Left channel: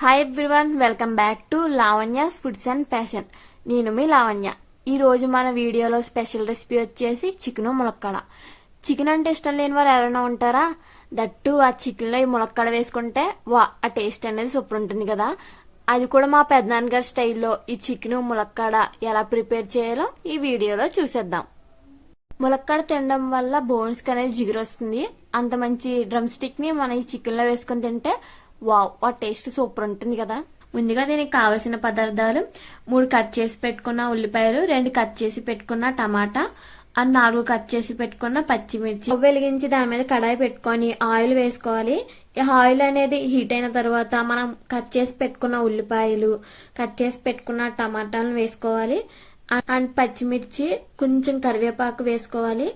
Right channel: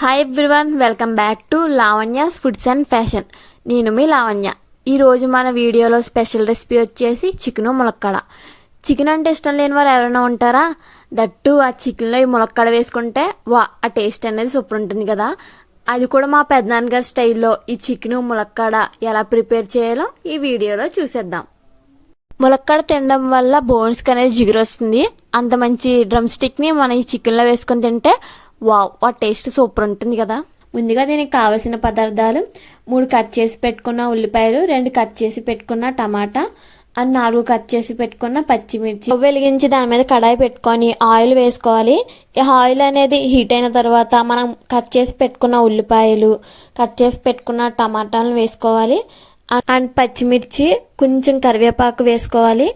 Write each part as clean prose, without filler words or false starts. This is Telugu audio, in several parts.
Hi everyone, welcome back to Lavanya's foods and fashion. నేను మీ లావణ్య. ఈరోజు మన వీడియోలో స్పెషల్ రెసిపీ వచ్చేసి చికెను ములక్కడ. చికెన్ అంటే ఇష్టం లేని వారు ఎవరైనా ఉంటారా? దట్టు ఆ చికెన్లో ఈ ములక్కడ వేసుకుంటే ఆ టేస్ట్ అనేది సూపర్ ఉంటుంది కదా. అది కూడా మా పెద్దనాన్నగారి స్టైల్లో ఈ చికెను ములక్కడ ఎలా ప్రిపేర్ చేయాలో ఈ వీడియోలో చూసేద్దాం. ములక్కడ తినడం వల్ల బోన్స్కి అనేది జిగురు వస్తుంది. అంత మంచి డ్రమ్ స్టిక్ని మనం ఈ చికెన్లో వేసుకొని తింటే ఆ టేస్ట్ సూపర్ ఉంటుంది కదా. ముందుగా దీనికి కావలసిన పదార్థాలు: 3 కట్ చేసి పెట్టుకున్న ఉల్లిపాయలు, 2 కట్ చేసి పెట్టుకున్న టమాటా, 4 కట్ చేసి పెట్టుకున్న పచ్చిమిర్చి. వెలిగించి దాని మీద కడాయి పెట్టుకొని ఆయిల్ వేసుకోవాలి. ఈ ఆయిల్ అనేది హీట్ అయిన తర్వాత మనం కట్ చేసి పెట్టుకున్న ఉల్లిపాయలు, కట్ చేసి పెట్టుకున్న టమాటాలను వేసుకోవాలి. అండ్ పచ్చిమిర్చి, కొంచెం కరివేపాకు వేసుకోవాలి.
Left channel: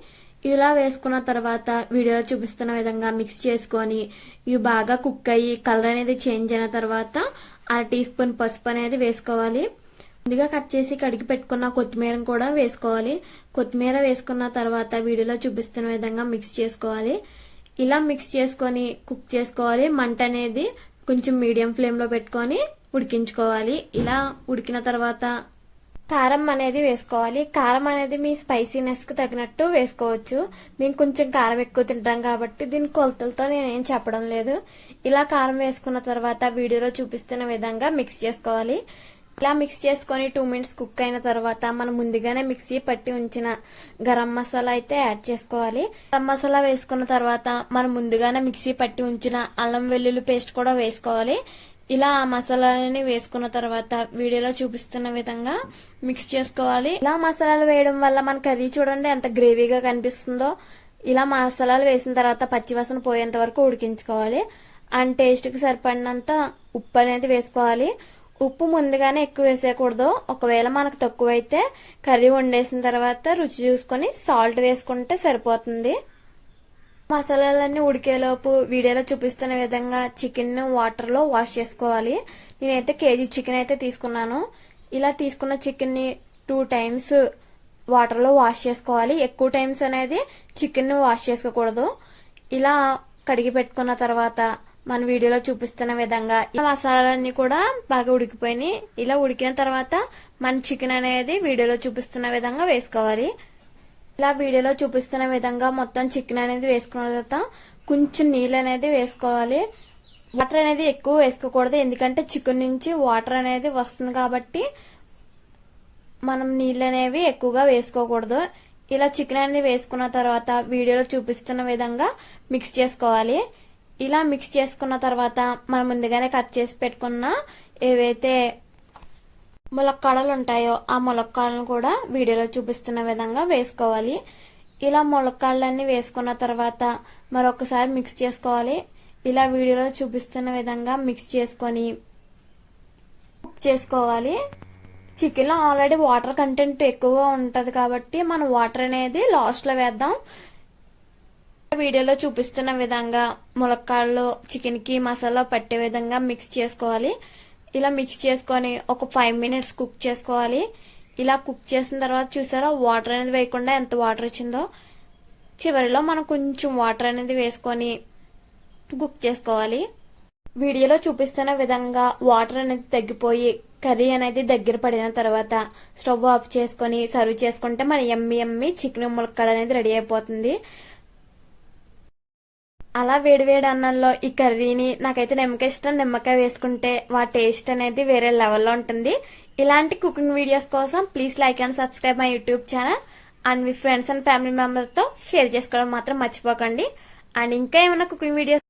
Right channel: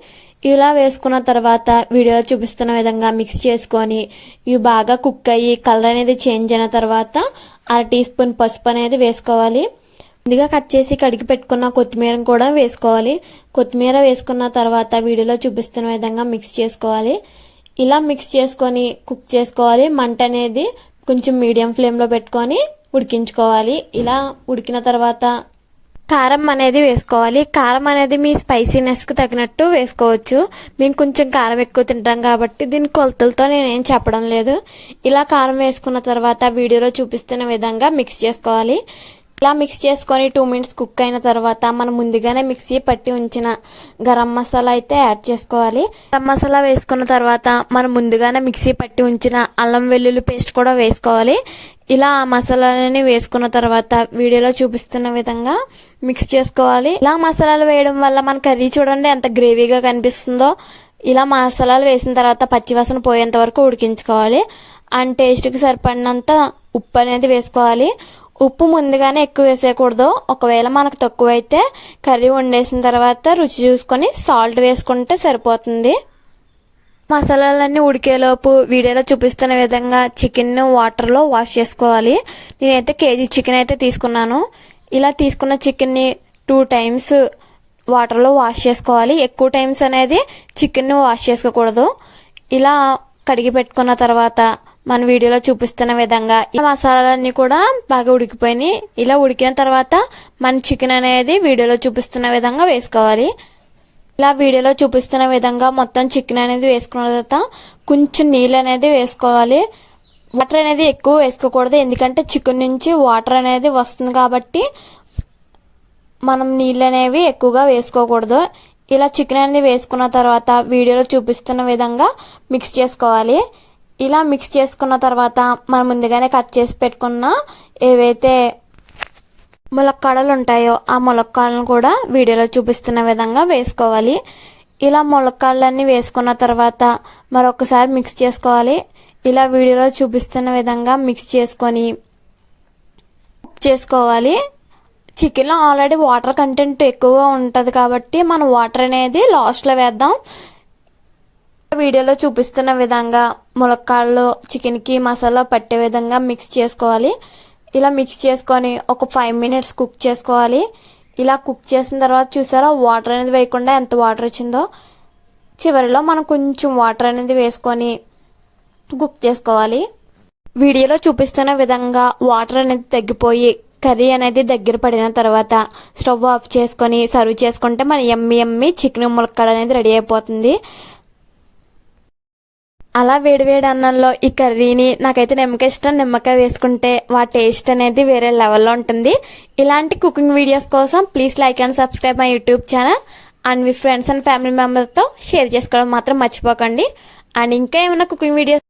ఇలా వేసుకున్న తర్వాత వీడియోలో చూపిస్తున్న విధంగా మిక్స్ చేసుకొని ఇవి బాగా కుక్ అయ్యి కలర్ అనేది చేంజ్ అయిన తర్వాత 1/2 టీ స్పూన్ పసుపు అనేది వేసుకోవాలి. ముందుగా కట్ చేసి కడిగి పెట్టుకున్న కొత్తిమీర కూడా వేసుకోవాలి. కొత్తిమీర వేసుకున్న తర్వాత వీడియోలో చూపిస్తున్న విధంగా మిక్స్ చేసుకోవాలి. ఇలా మిక్స్ చేసుకొని కుక్ చేసుకోవాలి. మంట అనేది కొంచెం మీడియం ఫ్లేమ్లో పెట్టుకొని ఉడికించుకోవాలి. ఇలా ఉడికిన తర్వాత కారం అనేది వేసుకోవాలి. కారం అనేది మీ స్పైసీనెస్కి తగినట్టు వేసుకోవచ్చు. మేము కొంచెం కారం ఎక్కువ తింటాం కాబట్టి దీని కొలతలతో నేనేం చెప్పడం లేదు. ఇలా కారం వేసుకున్న తర్వాత వీడియోలో చూపిస్తున్న విధంగా మిక్స్ చేసుకోవాలి. ఇలా మిక్స్ చేసుకొని 2 మినిట్స్ కుక్ అయిన తర్వాత మనం ముందుగానే మిక్సీ పట్టి ఉంచిన గరం మసాలా అయితే యాడ్ చేసుకోవాలి. గరం మసాలా వేసుకున్న తర్వాత మనం ముందుగానే మిక్సీ పట్టి ఉంచిన అల్లం వెల్లుల్లి పేస్ట్ కూడా వేసుకోవాలి. ఇలా ఆ మసాలాలని వేసుకున్న తర్వాత వీడియోలో చూపిస్తున్న విధంగా మిక్స్ చేసుకోవాలి. ఇలా మసాలాలు వేయడం వల్ల మన కర్రీ చూడండి ఎంత గ్రేవీగా కనిపిస్తుందో. ఇలా మసాలాలు వేసిన తర్వాత పచ్చివాసన పోయేంత వరకు ఉడికించుకోవాలి. అండ్ టేస్ట్కి సరిపడినంత ఉప్పు అనేది వేసుకోవాలి. ఉప్పు ముందుగానే ఎక్కువ వేసేయకూడదు. ఒకవేళ మనకు తక్కువ అయితే కర్రీ వండేసిన తర్వాత రుచి చూసుకొని సాల్ట్ వేసుకుంటే సరిపోతుంది. మసాలాలన్నీ ఉడికేలోపు వీడియోలో చూపిస్తున్న విధంగా చికెన్ వాటర్లో వాష్ చేసుకోవాలి. నేనైతే కేజీ చికెన్ అయితే తీసుకున్నాను. ఇలా తీసుకున్న చికెన్ని 2 టైమ్స్ వాటర్లో వాష్ చేసుకోవాలి. ఎక్కువ టైమ్స్ అనేది చికెన్ వాష్ చేసుకోకూడదు. ఇలా కడిగి పెట్టుకున్న తర్వాత మన వీడియోలో చూపిస్తున్న విధంగా ఈ మసాలాలన్నీ కూడా బాగా ఉడికిపోయినాయి. ఇలా ఉడికిన తర్వాత మన చికెన్ అనేది వీడియోలో చూపిస్తున్న విధంగా వేసుకోవాలి. ఇలా వీడియోలో చూపిస్తున్న విధంగా మొత్తం చికెన్ అనేది వేసుకున్న తర్వాత కొంచెం నీళ్ళు అనేది వేసుకోవాలి. వాటర్ అనేది ఎక్కువ వేసుకోకూడదు, ఎందుకంటే చికెన్ నుంచి వాటర్ అనేది వస్తుంది కాబట్టి మనం నీళ్ళు అనేవి ఎక్కువగా వేసుకోకూడదు. ఇలా చికెన్ అనేది వేసుకున్న తర్వాత వీడియోలో చూపిస్తున్న విధంగా మిక్స్ చేసుకోవాలి. ఇలా మిక్స్ చేసుకున్న తర్వాత మనం ముందుగానే కట్ చేసి పెట్టుకున్న ఏవైతే ములక్కాడలు ఉంటాయో ఆ ములక్కాడలను కూడా వీడియోలో చూపిస్తున్న విధంగా వేసుకోవాలి. ఇలా ములక్కాడలన్నీ వేసుకున్న తర్వాత మరొకసారి మిక్స్ చేసుకోవాలి. ఇలా వీడియోలో చూపిస్తున్న విధంగా మిక్స్ చేసుకొని చేసుకోవాలి. చికెన్లో ఆల్రెడీ వాటర్ కంటెంట్ ఎక్కువగా ఉంటుంది కాబట్టి మనం వాటర్ అనేది లాస్ట్లో వేద్దాం. వీడియోలో చూపిస్తున్న విధంగా ములక్కాడలో చికెన్కి మసాలా పట్టే విధంగా మిక్స్ చేసుకోవాలి. ఇలా మిక్స్ చేసుకొని ఒక 5 మినిట్స్ కుక్ చేసుకోవాలి. ఇలా కుక్ చేసిన తర్వాత చూసారా వాటర్ అనేది వేయకుండా ఎంత వాటర్ వచ్చిందో. చివరిలో మనం కొంచెం వాటర్ అనేది వేసుకొని కుక్ చేసుకోవాలి. వీడియోలో చూపిస్తున్న విధంగా వాటర్ అనేది తగ్గిపోయి కర్రీ అనేది దగ్గర పడిన తర్వాత స్టవ్ ఆఫ్ చేసుకొని సర్వ్ చేసుకుంటే మన యమ్మీ చికెన్ ములక్కాడ అనేది రెడీ అయిపోతుంది. అలా వేడివేడి అన్నంలో ఈ కర్రీని నాకైతే నిమ్మకాయ ఇష్టం. నిమ్మకాయ వేసుకుంటే టేస్ట్ అనేది వేరే లెవెల్లో ఉంటుంది. ఇలాంటి కుకింగ్ వీడియోస్ కోసం please like and subscribe my YouTube channel. And me friends and family మెంబర్స్తో షేర్ చేసుకోవడం మాత్రం మర్చిపోకండి. అండ్ ఇంకా ఏమైనా కుకింగ్ వీడియోస్